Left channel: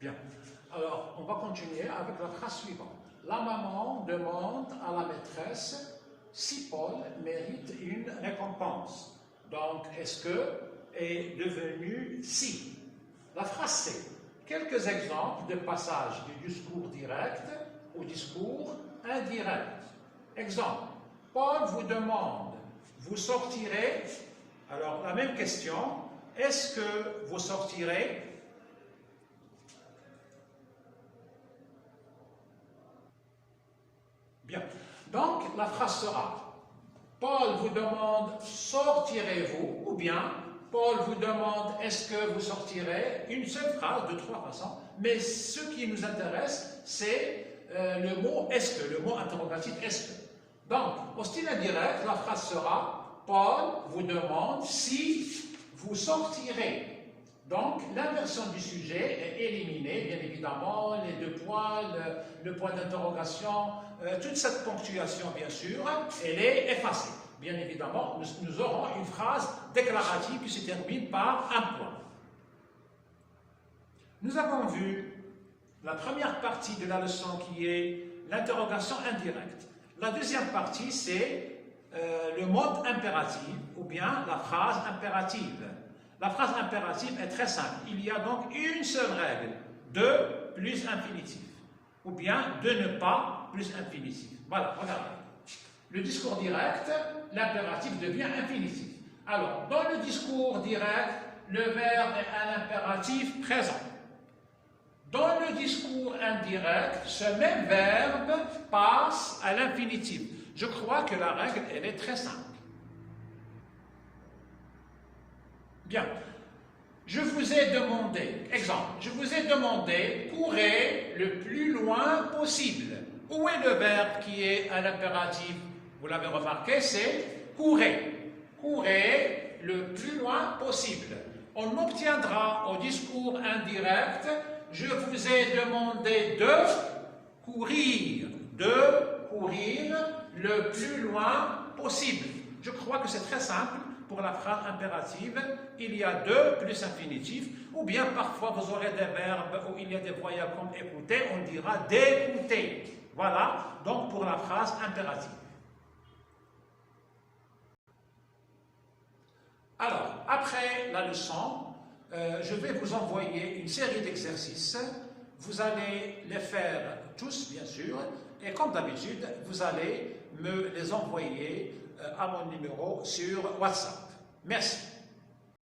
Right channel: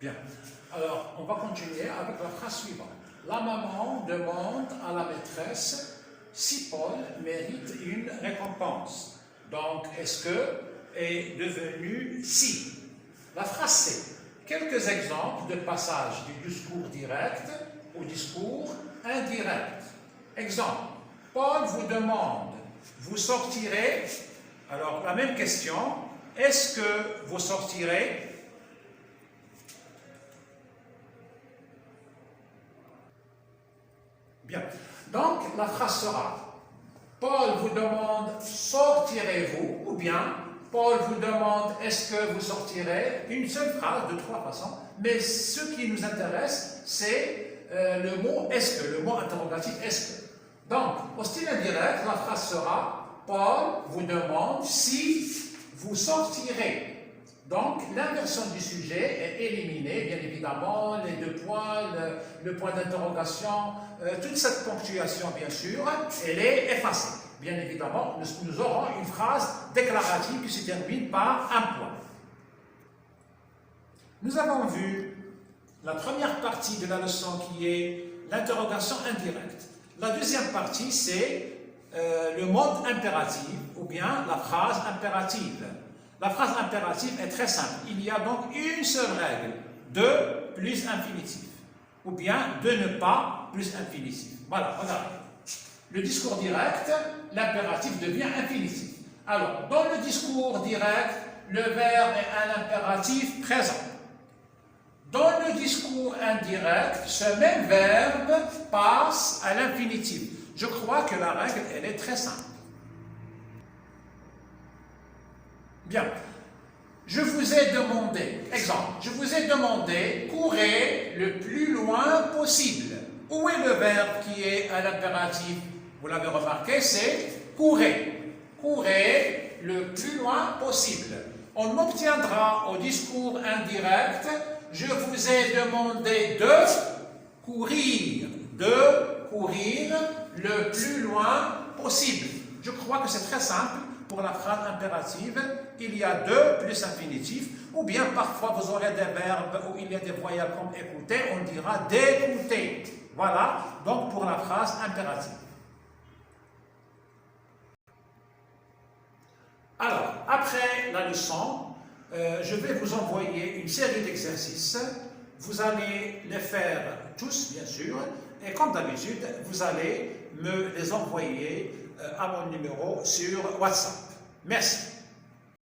Bien. Alors, on va continuer avec la phrase suivante. La maman demande à la maîtresse si Paul mérite une récompense. Donc, est-ce que est devenu si? La phrase c'est quelques exemples de passages du discours direct au discours indirect. Exemple, Paul vous demande, vous sortirez? Alors, la même question, est-ce que vous sortirez? Bien. Donc, la phrase sera, Paul vous demande, sortirez-vous? Ou bien, Paul vous demande, est-ce que vous sortirez? Une seule phrase de trois façons. Mais ce qui nous intéresse, c'est le mot est-ce que, le mot interrogatif est-ce que. Donc, au style indirect, la phrase sera, Paul vous demande si vous sortirez. Donc, l'inversion du sujet est éliminée, bien évidemment, les deux points, le point d'interrogation, toute cette ponctuation, bien sûr, elle est effacée. Bien évidemment, nous aurons une phrase déclarative qui se termine par un point. Nous avons vu la première partie de la leçon qui est l'interrogation indirecte. La deuxième partie, c'est le mode impératif ou bien la phrase impérative. La phrase impérative est très simple. Il y a donc une seule règle, de plus infinitif, ou bien de ne pas plus infinitif. Voilà, regardez. Le discours direct, l'impératif devient infinitif. Alors, dans le discours direct, le verbe est un impératif présent. Dans le discours indirect, ce même verbe passe à l'infinitif. Je crois que la règle, elle est très simple. Bien. Je vous ai demandé, exemple, je vous ai demandé, courez le plus loin possible. Où est le verbe qui est à l'impératif? Vous l'avez remarqué, c'est courez. Courez le plus loin possible. On obtiendra au discours indirect, je vous ai demandé de courir le plus loin possible. Je crois que c'est très simple. Pour la phrase impérative, il y a de plus infinitif, ou bien parfois vous aurez des verbes où il y a des voyelles comme écouter, on dira d'écouter. Voilà, donc pour la phrase impérative. Alors, après la leçon, je vais vous envoyer une série d'exercices. Vous allez les faire tous, bien sûr, et comme d'habitude, vous allez me les envoyer à mon numéro sur WhatsApp. Merci.